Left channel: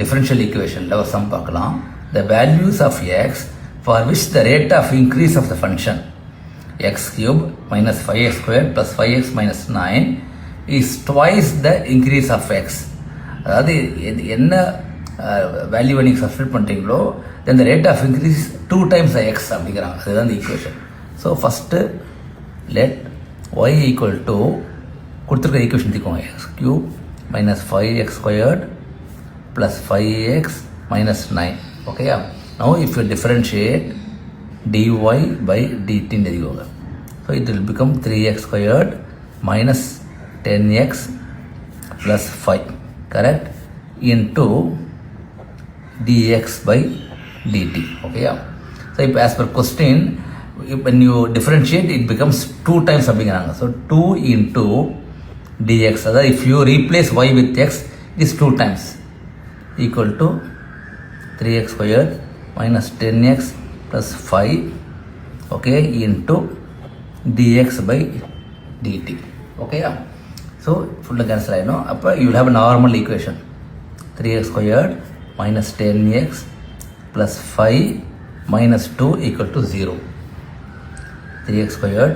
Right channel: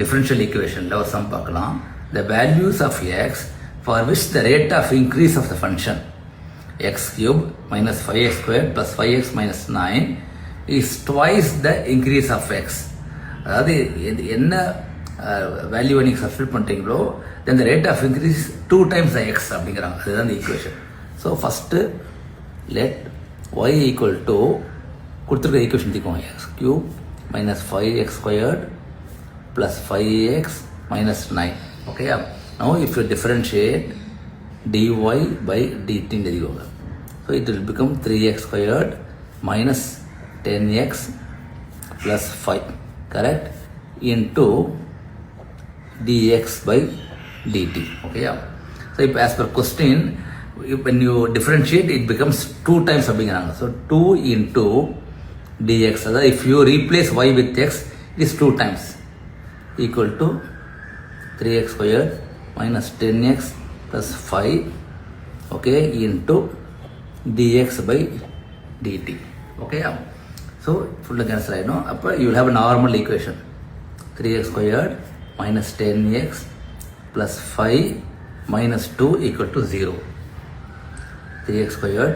differential equation la sum paakalam. The values of x for which the rate of increase of the function x cube minus 5x squared plus 5x minus 9 is twice the increase of x. அதாவது என்ன வேல்யூவை நீங்கள் substitute பண்ணுறீங்களோ then the rate of increase 2 times the x அப்படிங்கிறாங்க. அதுதான் இந்த equation. So first let y equal to கொடுத்துருக்க equation தீக்கோங்க. X cube minus 5x squared plus 5x minus 9. ஓகேயா? Now if you differentiate dy by dt ன்னு எழுதிக்கோங்க. So it will become 3x squared minus 10x plus 5, correct, into dx by dt. Okay, yeah. So if as per question, when you differentiate, it becomes 2 times something. So 2 into dx. That if you replace y with x, it is 2 times equal to 3x squared minus 10x plus 5. Okay, into dx by dt. Okay, yeah. So full cancel I know. You will have a normal equation. 3x squared minus 10x plus 5 minus 2 equal to 0. 3x squared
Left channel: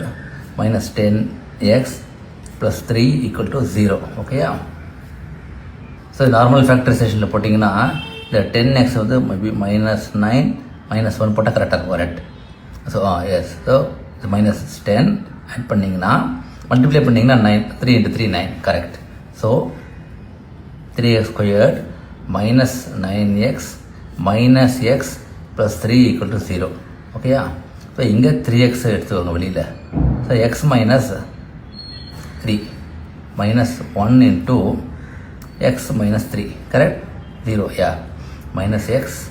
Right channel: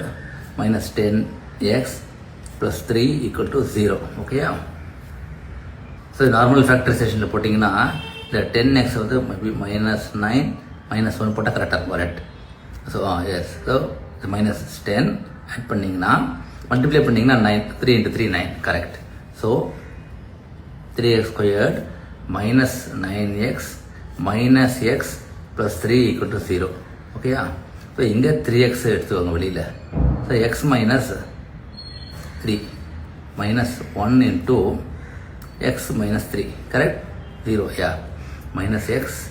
minus 10x plus 3 equal to 0. Okay, yeah. So normal factorization la pottingna the 10x வந்து maybe minus 9 minus 1 போட்டா கரெக்டாக correct. So yes, so the minus 10 add பண்ணிங்கன்னா மல்டிப்ளை பண்ணிங்கன்னா 9, 3 into 3 9, correct. So 3x squared minus 9x minus X plus 3 equal to 0. ஓகேயா? ஸோ இங்கே 3x எடுத்துக்கோங்க வெளியில். So X minus 3 மைனஸ் 1 into X minus 3, கரெக்ட், 0. Yeah, minus X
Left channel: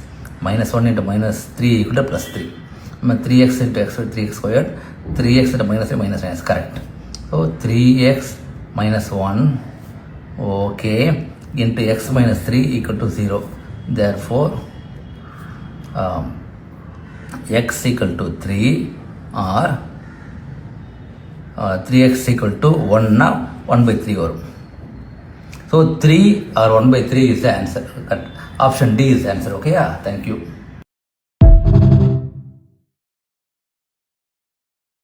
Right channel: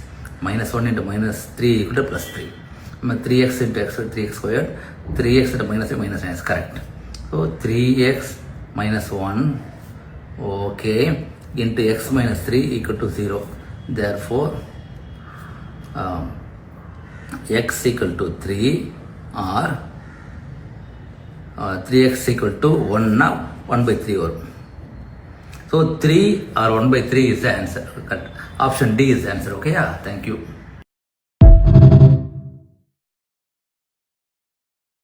minus 1 into minus 3 equal to plus 3. நம்ம 3x into X 3x squared 3x into minus minus 9, correct. So 3x minus 1, okay, into x minus 3 equal to 0. Therefore, x equal to 3 or 3x equal to 1 na 1 by 3 வரும். So 3 or 1 by 3 is the answer. Option D is the answer. Okay, yeah, thank you.